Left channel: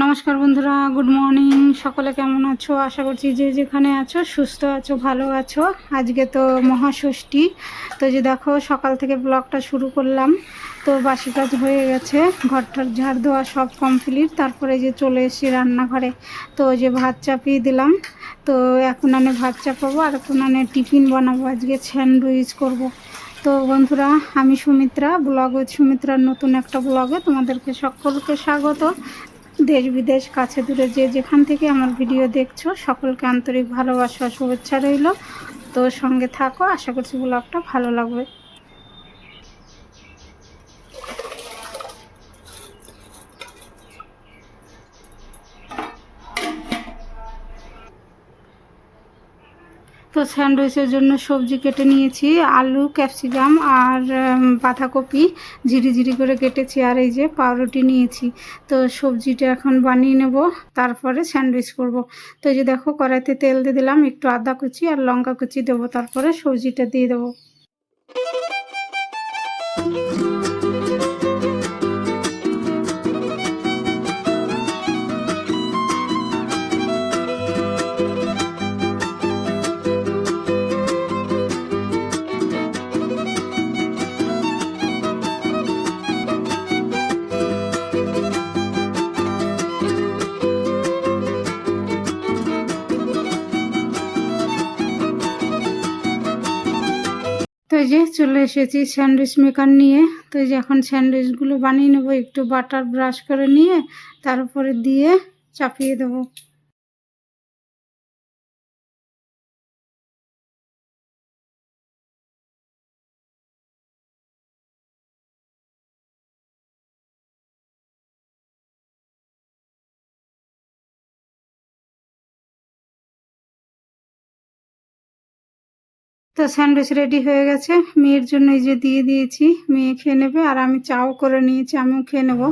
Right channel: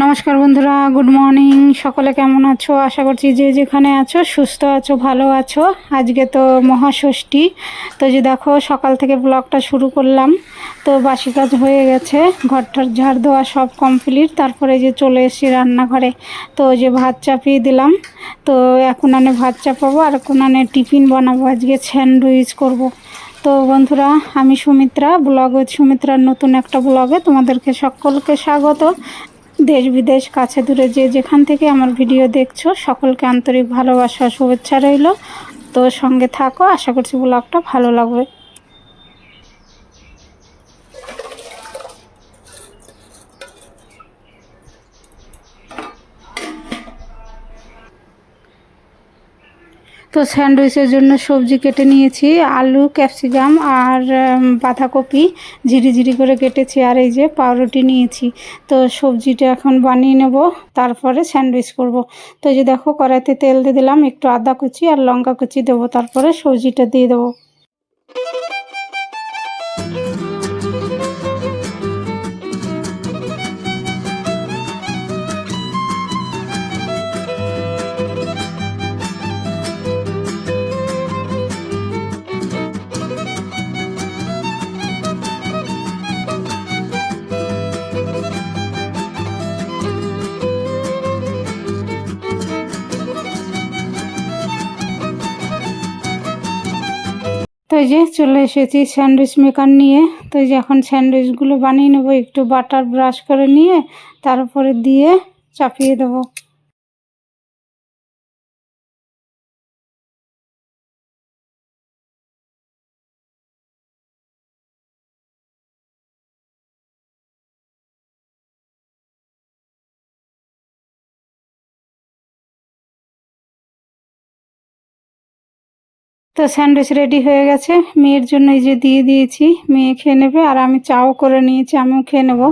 নমস্কার বন্ধুরা good morning সকলে কেমন আছো? আশা করছি যে যেখানে আছো, সুস্থ আছো, ভালো আছো। আজকে তো মহাষষ্ঠী। তো যে দেখো, সকাল থেকে ব্লগটা শুরু করলাম। তো বাসি কাজ হয়ে গেছে, ঘরটার ঝাড় দেওয়া সব কমপ্লিট তারপরে যে চলে এসেছি রান্নাঘরে। তো যে ভাত চাপিয়ে দিলাম। তো এখন আনে ভাত চাপাবো, আর এখন আনে টিফিন বানাবো। আজকে স্যান্ডউইচ করব। তো বন্ধুরা, আমি সুমিত্রা ব্লগ সুমিত্রার নতুন একটা ব্লগে তোমাদেরকে সকলকে স্বাগত। দেশ বিদেশ, কাছে দূরে যে যেখান থেকে আমার ভিডিও দেখছ, সকলকে আন্তরিক ভালোবাসা, শুভেচ্ছা রইল। তো সঙ্গে থাকো, আশা করছি ব্লগটা ভালো লাগবে। তো স্যান্ডউইচের জন্য সবজি কেটে নিয়েছি, আলু, ক্যাপসিকাম আর বাঁধাকপি ঝিরি ঝিরি করে কেটেছি আর এই যে পাউরুটি নিয়েছি। তো সবজিটা এখন বানিয়ে নেব, তারপরে স্যান্ডউইচ করব। তো যে দেখো কড়াইতে তেল দিয়ে দিলাম, একটু আদা কুচি আর লঙ্কা কুচি দেবো, তারপরে সবজিটা দিয়ে দেবো। এই যে চলে এসেছি স্যান্ডউইচ মেকার নিয়ে। তো এই যে এখন স্যান্ডউইচগুলো বানিয়ে নেব, একটু বাটার ব্রাশ করে নিয়ে তার উপরে দিয়ে চাপিয়ে দেবো। তো স্যান্ডউইচ রেডি হয়ে গেছে। মেয়ের জন্য এই যে দিয়ে দিয়েছি, মেয়ে খেয়ে নেবে আর আমি চাও করে নিয়েছি, আমিও খেয়ে নেব।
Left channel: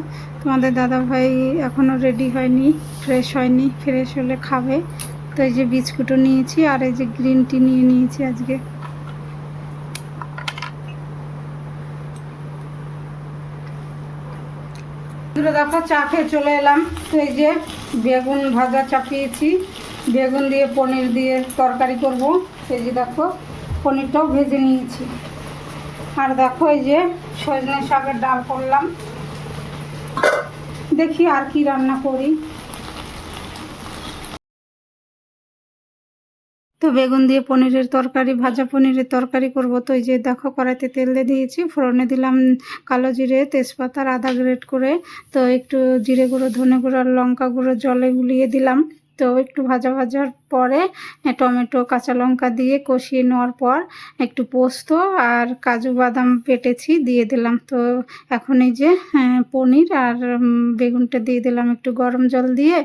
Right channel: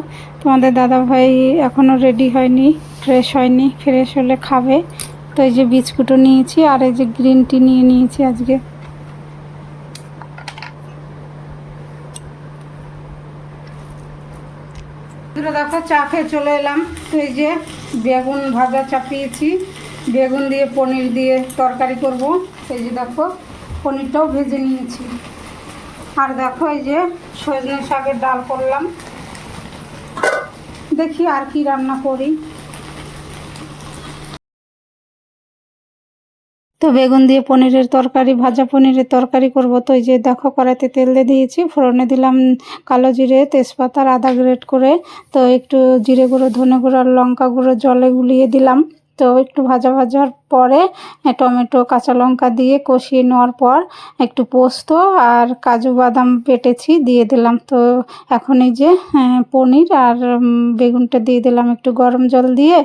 তোমাদের দাদা ভাই এখনও রেডি হয়নি, ফ্রেশ হয়নি, ফ্রেশ হলে খাবে। তো এই যে বিস্কুটও নিয়েছি আর এই যে গ্রিন টি নিয়ে নিয়েছি আজকে। দূরে দেখো, চা খেয়ে চলে এলাম। তো এই যে বেগুন ভাজা চাপিয়েছি। বেগুন দিয়ে পনির দিয়ে তরকারি করব। এই যে দেখো পনিরটাও ভেজে নিয়েছি। আর দেখো এই যে সজনে শাকের ডাল করলাম। দেখি আর কি রান্না করি। তো বেগুন দিয়ে পনিরের তরকারি, ভাজা পনিরের তরকারি করব। তো এই যে দেখো কড়াইতে তেল দিয়ে দিয়েছি, ফোড়নে দিলাম কালো জিরে, তেজপাতা আর আদা গ্রেট করে। তো একটু জিরে গুঁড়ো, ধনে গুঁড়ো আর লঙ্কা গুঁড়ো জলে গুলিয়ে দিলাম। তো একটু ভাজা ভাজার পরে টমেটো কাঁচা লঙ্কা দিয়ে কষিয়ে নেওয়ার পর একটু পোস্ত আর কাজু বাদাম পেটেছি দিয়ে দিলাম। তো এখন এই যে হ্যাঁ, পনির আর বেগুনটা দিয়ে দিলাম একটু গরম জল দিয়ে।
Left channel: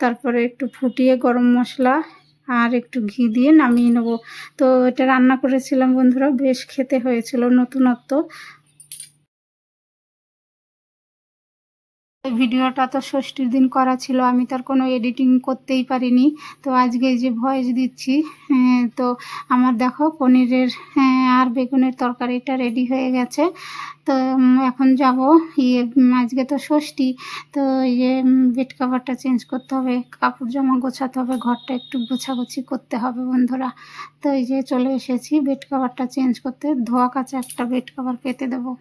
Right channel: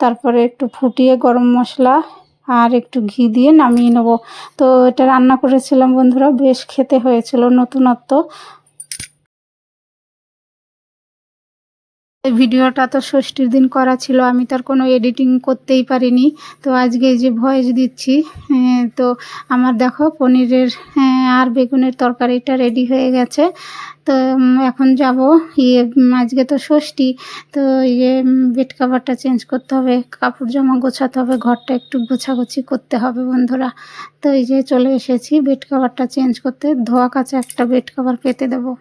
তারপরে একটু ফুটিয়ে গরম মশলা আর একটু ঘি দিয়ে নামিয়ে নেব। তো এটা রান্না করেছিলাম বন্ধুরা বেশ খেতে হয়েছিল নতুনত্ব। এই ভিডিওটা তো ষষ্ঠীর দিন করা ছিল আমি তার কোনো এডিটিং করতেই পারিনি। তো আজকে যে ভয়েস দিচ্ছি হ্যাঁ, তো আমার দেখো পনিরের হ্যাঁ, আর বেগুনের তরকারিটা রেডি হয়ে গেছে। তো এখন যাব ইয়ে আজকে তো ষষ্ঠী তো ইয়ে বেড কাভারটা চেঞ্জ করতে হবে কাপড় জামা গোছাতে হবে ঘরটা একটু গোছাগুছি করতে হবে বন্ধুরা। তো এই যে চলে এসেছি বেড কাভারটা চেঞ্জ করতে ধোয়া কাছে একটা বেড কাভার পেতে দেবো।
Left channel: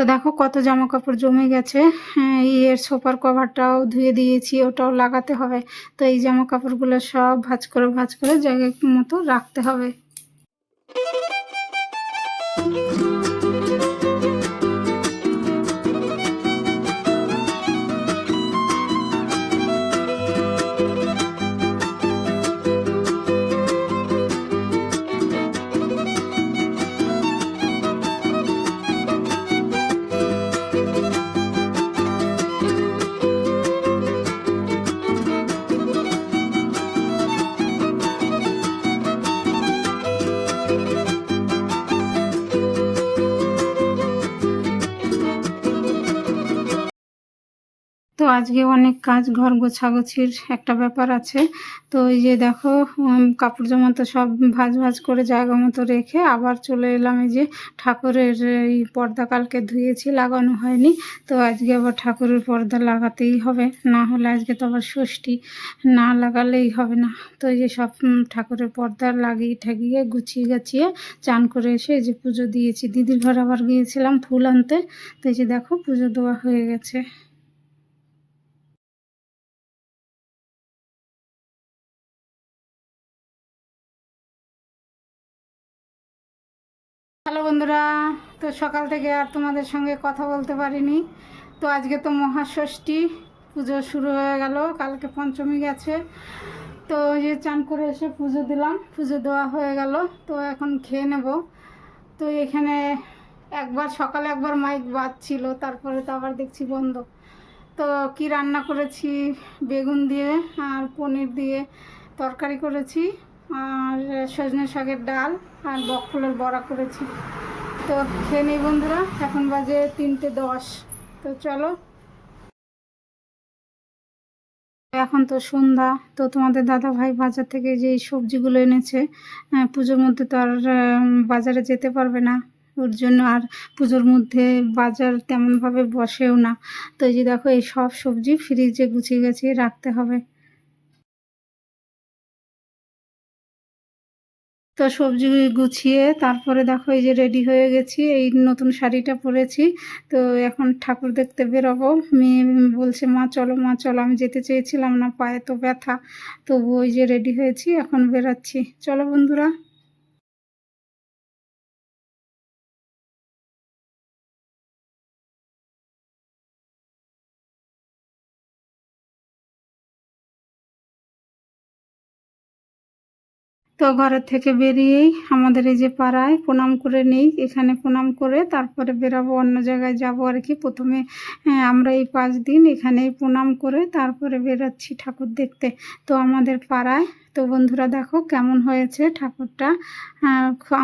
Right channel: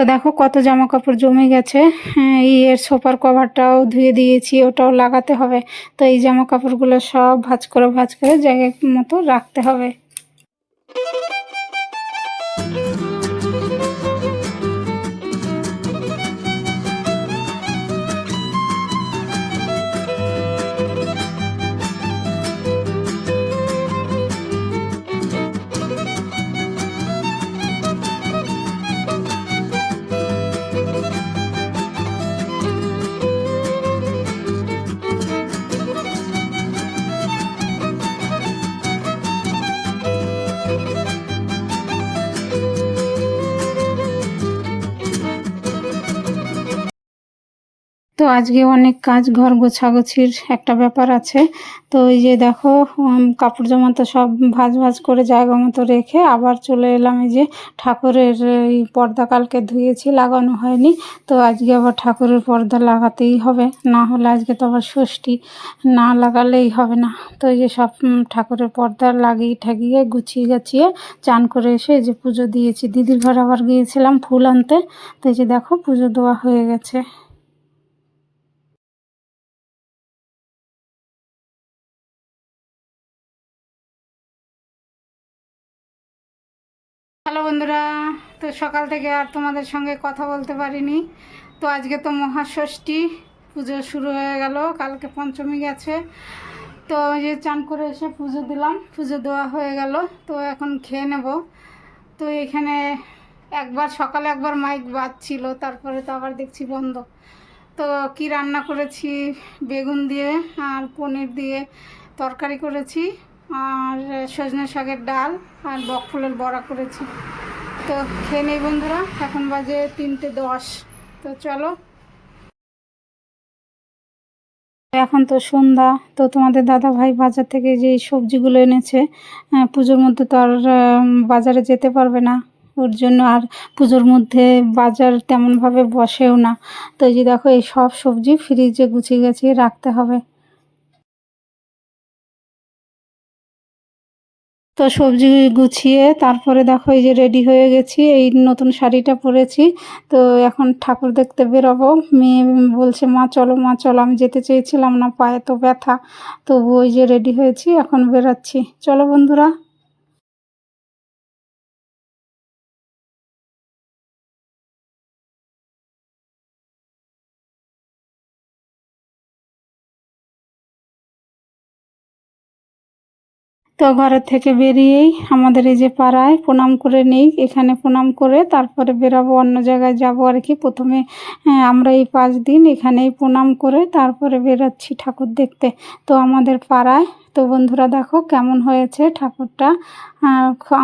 তো দেখো কত জামা কাপড় জমে গেছে। হ্যাঁ, এই এর সোফার কভারটাও ধুয়ে দিয়েছি ওটাও লাগাতে হবে। তো এই জামা কাপড়গুলো সব ভাঁজ করে ভাঁজ করে জায়গায় মতো রাখতে হবে। আজকে অনেক কাজ, ঘর গোছাগুছির একটা ব্যাপার আছে। তো এই যে দেখো কাপড় জামা তো সব ভাজ ভাজ করে জায়গা মতো রেখে আবার চলে এলাম এই যে ঠাকুরের এই পর্দা কালকে ধুয়েছি, লাগানো হয়নি। তো আজকে আবার ঠাকুরের পর্দা লাগাতেই হবে, না হলে আজকে তো আবার ষষ্ঠী, না লাগালেই হবে না। তো এই যে সব ঠাকুরের পর্দা লাগিয়ে ঠাকিয়ে, গুছিয়ে গাছিয়ে চান করে এসে এই যে পুজো দিয়েছি। দিদির ঘর আবার গিয়েছিলাম ফুল আনতে, তো এই যে দেখো পুজো দেওয়া হয়ে গেছে। বন্ধুরা, তো সকাল থেকে আর তোমাদের সঙ্গে কথা বলতে পারিনি। তো আজকে তো মহাষষ্ঠী, পুজো শুরু হয়ে গেল, কালকে পঞ্চমী গেছে। তো ওই যে চান করে এসে পুজো দিলাম, পুজো দেওয়া হয়ে গেল, তো এখন খেয়ে নেব। তো এখানে একবার, সকালে একবার মাইক বাজছিল, তারপরে তো আবার দেখছি বন্ধ। তো কি রান্না করেছি? বেগুন দিয়ে আর পনির দিয়ে তরকারি করেছি। আর সজনে শাকের ডাল আর বক ফুলের বড়া করেছি। তো খেয়ে নেই বন্ধুরা, এখন বাজে তিনটে দশ। তো চলো। এখন তো সন্ধ্যা, তো তোমাদের দাদা ভাই বাজার থেকে যে সবজিগুলো এনেছে পুজোর মধ্যে তো আর বাজারে যেতে পারবে না। ওর জন্য আর পুজোর মধ্যে বাজার তেমনভাবে বসেও না। তো যে দেখো, এই সব সবজি ফ্রিজে গুছিয়ে গাছিয়ে রাখতে হবে। তো সবজি গুছিয়ে তারপরে দেখো এই যে রেডি হয়ে গেছি, এই নতুন শাড়িটা পরেছি। তো এখন ঠাকুর দেখতে বেরোবো। মেয়ে বলছে, মা, চলো মা, চলো। আমি যেতে চেয়েছিলাম না, পায়ে তো ব্যথা। তবু ওই যে রেডি হয়েছি, এখন বেরোচ্ছি। চলো বন্ধুরা। তো ঘরের থেকে বেরিয়েই আমাদের এই যে পাড়ায় প্রণাম করে নেই, এখানে প্রণাম করে তারপরে বেরাবো, অন্য জায়গায় যাব আর কি। প্রথমে আমরা এই পাঁচ দিন এখানেই প্রণাম করে তারপরে বেরোচ্ছি ঠাকুর দেখতে। তো আমাদের পাড়ায়, তো বন্ধুরা দেখো কেমন হয়েছে ঠাকুরটা।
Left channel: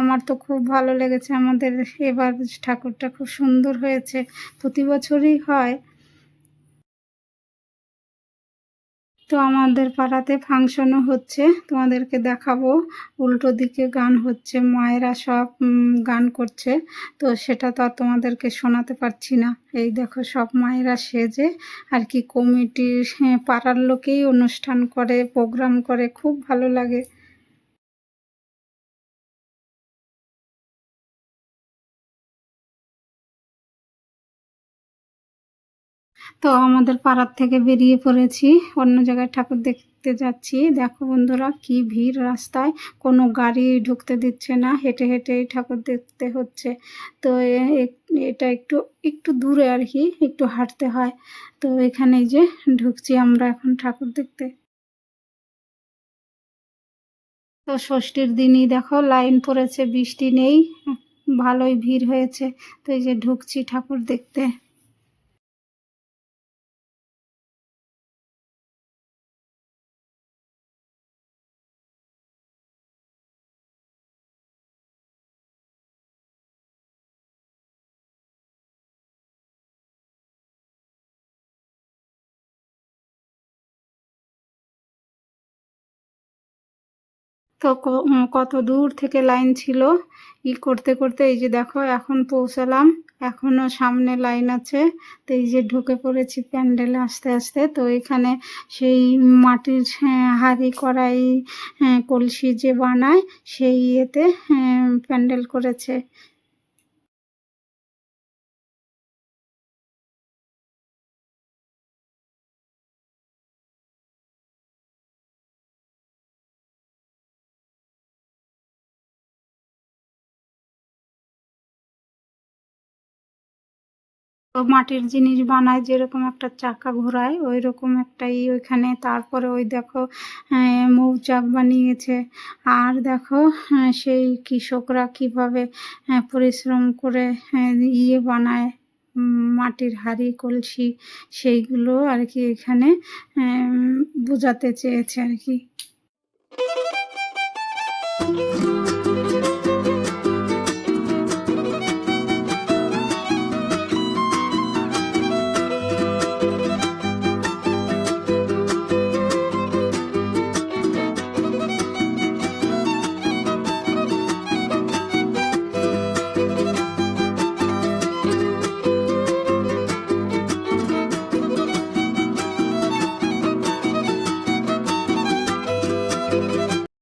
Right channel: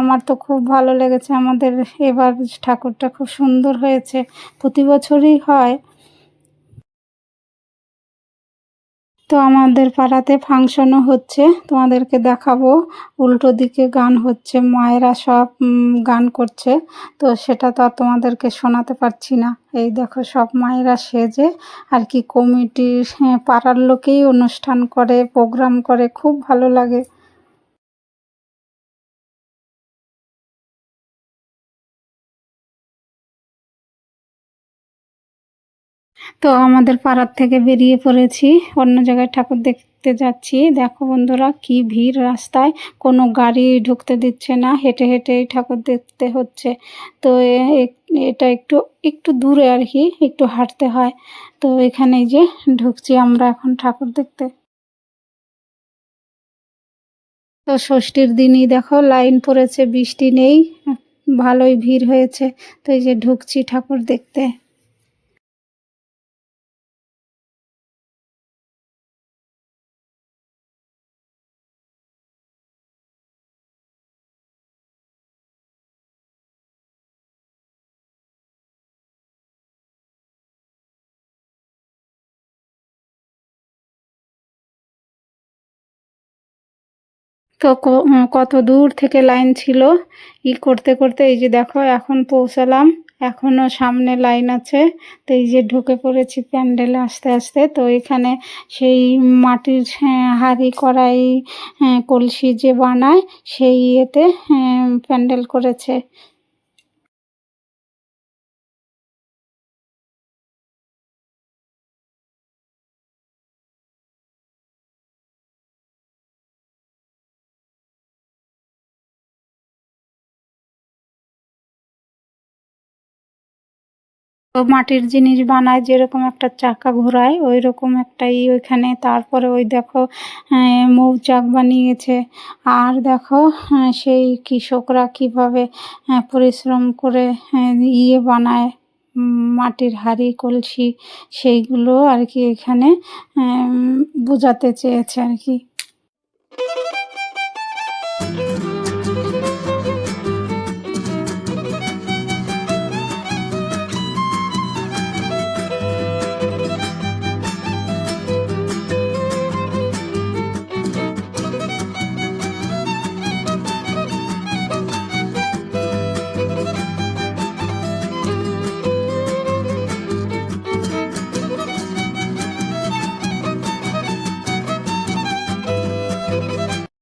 আমার তো খুব ভালো লেগেছে আমাদের এবার ঠাকুরটা খুব সুন্দর হয়েছে। প্রতি বছরই হয়। তো আমাদের পাড়াতে ফাংশনও হচ্ছে তোমাদেরকে দেখাবো। উল্টো দিকে গান হচ্ছে মায়েরা সব গান করছে। তো সেটা তো আর তোমাদেরকে শোনাতে পারছি না। এই দেখো সব মায়েরা সেজে আর কি কমিটির হ্যাঁ, পাড়ার লোকেই অনুষ্ঠান করে প্রোগ্রাম করে খুব ভালো লাগে। তো আমাদের পাড়ার থেকে বেরিয়ে পড়েছি। অন্য জায়গায় ঠাকুর দেখতে যাচ্ছি। দেখো বন্ধুরা, কি ভিড় রাস্তায়। কোনো গাড়ি ঢুকতে দিচ্ছে না, হেঁটে হেঁটেই ঠাকুর দেখতে হচ্ছে। তো এটা একটু একটু দূরে আর কি, একটু হাঁটতে হয়। তো এখানে যে ঢুকছি আমরা এখন ঠাকুর দেখতে। তো ষষ্ঠীর দিনই দেখো, লাইন পড়েছে, বৃষ্টি নেই, ভালোই ভিড় হয়েছে। তো এই যে ঢুকছি ঠাকুর দেখতে। তো কত দূর থেকে লাইন ছিল? ই করতে করতে এই যে দেখো এখন পৌঁছালাম। এখনও সামনে লাইন আছে। তো এই যে ঢুকে পড়েছি প্যান্ডেলে আস্তে আস্তে। তো এখানে সেই মাটির হাড়ি হাঁড়ি কড়াই হ্যাঁ, কলসি যে বানায় সেই ইয়েতে হ্যাঁ, প্যান্ডেল করেছে। তো মাটির জিনিস বানায়, যেরকম একটা চাকা ঘোরায় ওই রকম একটা ই ওইখানে। তারপরে ওই দেখো মৌচাক বানিয়েছে। আর দেখো সেই কৃষকরা কীভাবে পরিশ্রম করে ইয়ে বানায় মাটির হাড়ি, কলসি, সেইগুলো আর কি এখানে বোঝাতে চেয়েছে আর কি।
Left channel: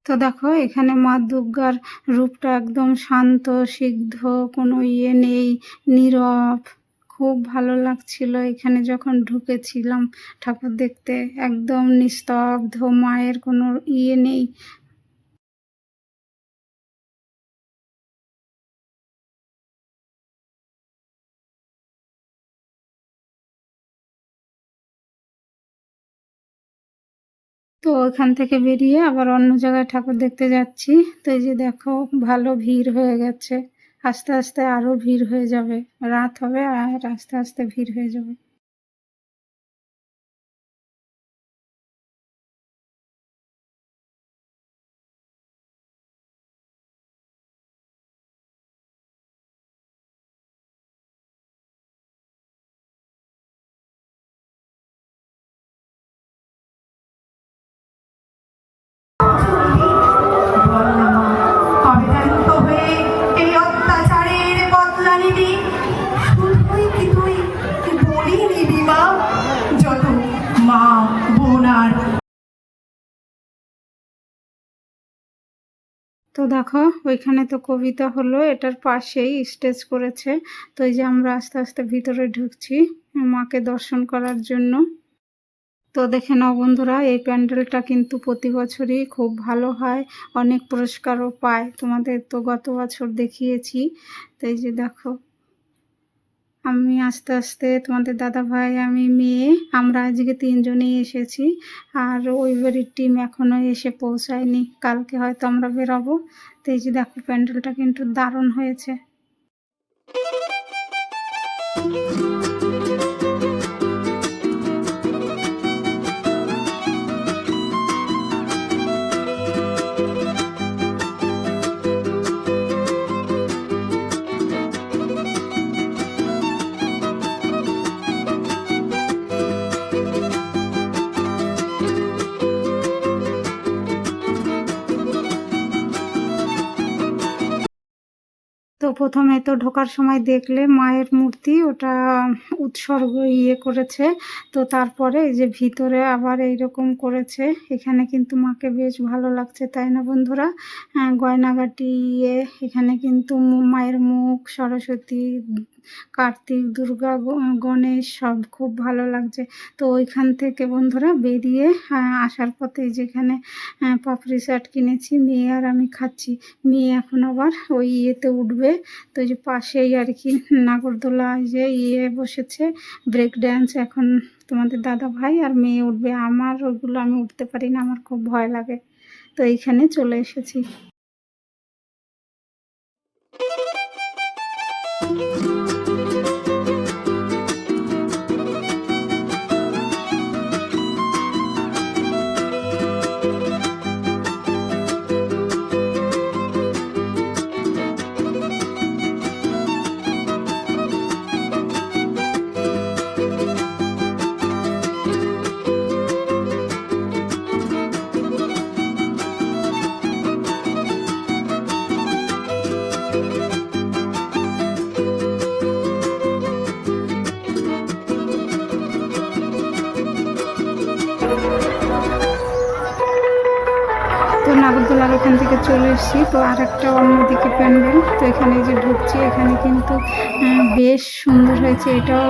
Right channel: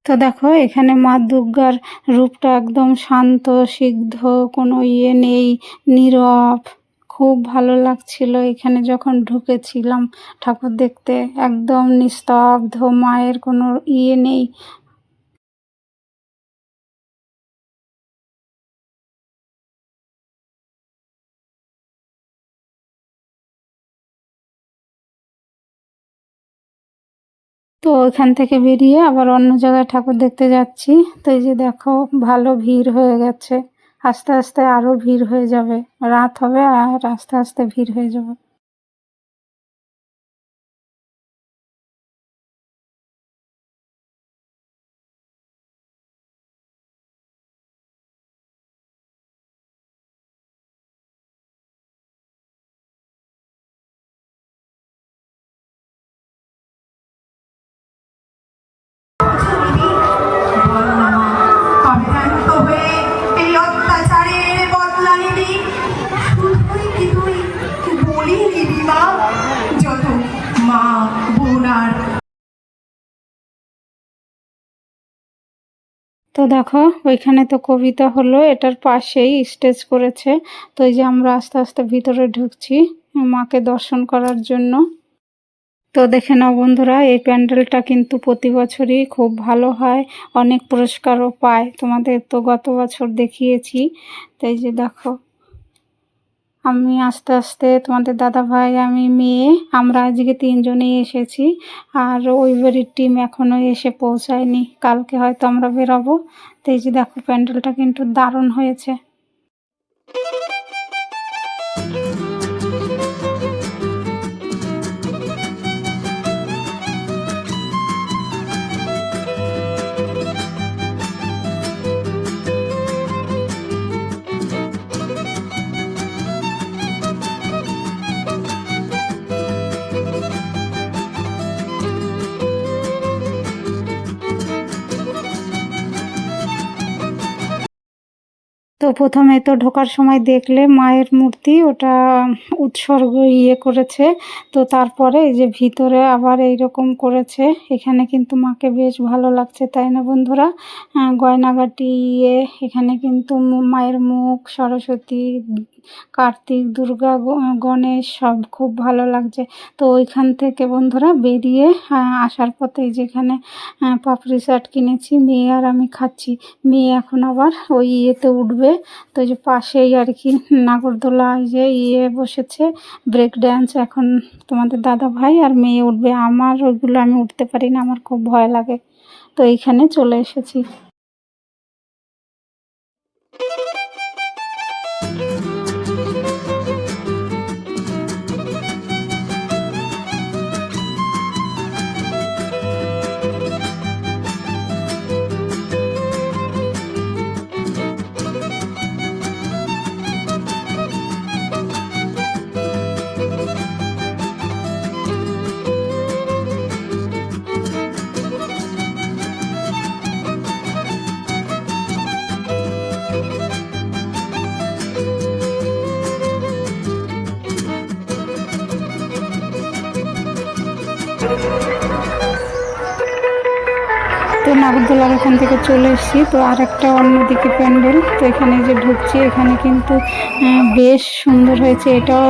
তো দেখো, এখানে মা দুর্গার রূপটা একদম শান্ত, সিদ্ধ, কোনো ইয়ে নেই, নীরব। খুব ভালো লাগছিল এখানে যখন ঢুকেছিলাম ঠাকুর দেখতে। একদম নিস্তব্ধ, মায়ের কোনো ইয়ে নেই। তো ওইখান থেকে বেরিয়ে আবার অন্য জায়গায় ঠাকুর দেখতে যাচ্ছি। তো এই যে দেখো, ভালো ভিড় হয়ে গেছে। আস্তে আস্তে আরও ভিড় হয়ে যাবে। রাত হবে আর আস্তে আস্তে ভিড় হয়ে যাবে। তো দেখো, ওইখানে তো কবিতা হলো, এটার পাশেই স্টেজ করেছে। তো এই যে আমরা আস্তে আস্তে ভিতরে ঢুকছি, মাকে দর্শন করার জন্য। তো দেখে নাও বন্ধুরা, এই প্যান্ডেলটা কিন্তু প্রতি বছরই খুব ভালো হয়, অনেক পুরস্কারও পায়। তোমাদের তো গত বছর দেখিয়েছি। তাই যে দেখো আমি আস্তে আস্তে তোমাদের দাদা ভাই আমি মেয়ে, আমরা আজকে তিনজনেই এসেছি। আর ওই বাড়ির টিম এখনও এসে পৌঁছায়নি। কালকে হয়তো আমরা বেরোবো। তো এই যে দেখো, প্যান্ডেলটা কিন্তু দারুণ হয়েছে। তো প্রথমে তো ঢোকার সময় দেখলে মায়ের মূর্তি, ওটা উৎসর্গ ইয়ে করেছে। তো তারপরে এই যে ভিতরে আবার এই রকম করেছে। এখানে কিন্তু মাকে বেশ ভালো লাগছে, তাই না বন্ধুরা? গয়নাগাটি ইয়ে এখানে কিন্তু মায়ের মুখ, সরস্বতী কার্তিক, দুর্গা গণেশ, সব খুব ভালো লাগছে। তো ওইখান থেকে বন্ধুরা বেরিয়ে আসার পথে যেখানে পাপড়ি চাট কিনেছি, মেয়ে আর আমি খাচ্ছি। মেয়ে এখন আবার ওই ইয়েতে উঠবে। তো যে পাশেই আর কি নাগরদোলা যে ইয়ে বসেছে ব্রেক ড্যান্স এখন তোমাদের দাদা ভাই আর মেয়ে উঠবে। আমার ওইগুলো আমি উঠতে পারি না, আমার খুব ভয় লাগে। তো এইখানে চলে এসেছি। নাগরদোলার ওখান থেকে চলে এসেছি। তো আর একটা অন্যদিকে প্যান্ডেল। তো এখানে যে ঢুকছি এখানে কিন্তু বেশ সুন্দর হয়েছে। এটাও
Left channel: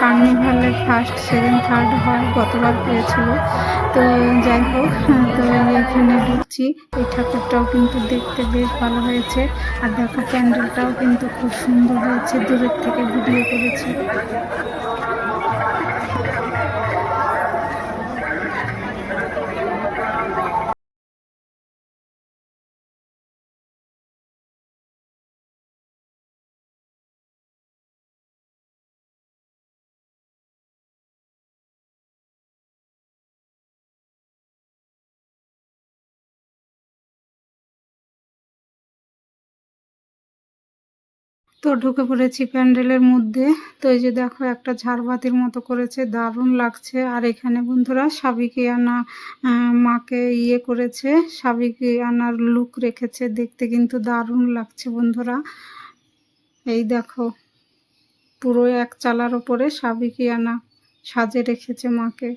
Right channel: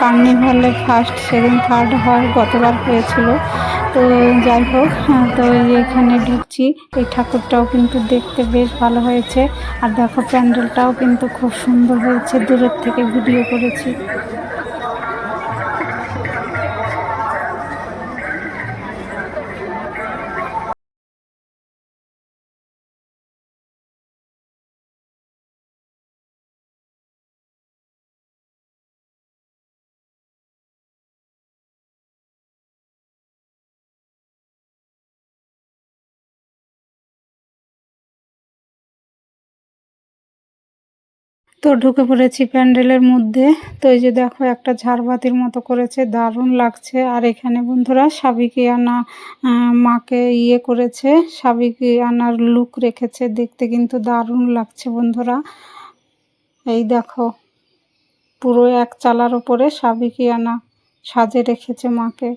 কার্নিভালে ফার্স্ট সেকেন্ড থার্ড হয় গতবার হয়েছিল। তো যাই হোক হ্যাঁ, তো এখানে ঢুকছি। এই ঠাকুরটাও কিন্তু দেখতে বেশ ভালো হয়েছে। আর দেখো প্যান্ডেলটাও কিন্তু খুব সুন্দর হয়েছে। দূরের থেকে ভিডিও করেছি। তো ঢুকে পড়েছি প্যান্ডেলের মধ্যে। তো এই যে দেখো একটা ঝাড়বাতির মতো করেছে দারুণ লাগছে। আর এখানে বন্ধুরা সাবিকিয়ানা আহ, মাকে ইয়ে করেছে সাবিকিয়ানার লুক রেখেছে দেখতে কিন্তু দারুণ লাগছে বন্ধুরা। এই দেখো পুরো এক চালার ওপরে সাবিকিয়ানা সাজে রেখেছে মাকে।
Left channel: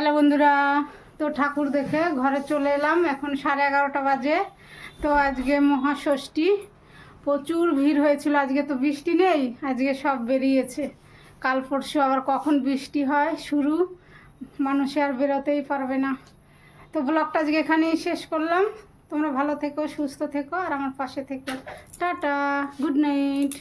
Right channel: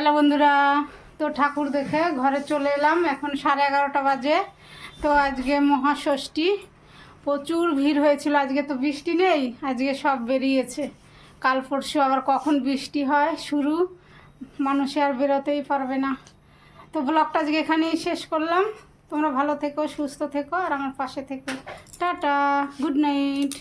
হ্যালো বন্ধুরা, তো ঠাকুর দেখে ঘরে চলে এলাম। এখন সাড়ে এগারোটা বাজে। তো আজকে মহাষষ্ঠী, প্রচুর ভিড় হয়েছিল। আজকে তো বৃষ্টি নেই, আজকে সব বেরিয়েছে। কাল পরশু আবার কখন বৃষ্টি হয়, শুরু। মানুষে আর বেরোতেই পারবে না। তো ব্লগটা আজকে এখানেই শেষ করলাম। তোমরা ভালো থেকো, সুস্থ থেকো, আর আমার পাশে থেকো। Tata, good night.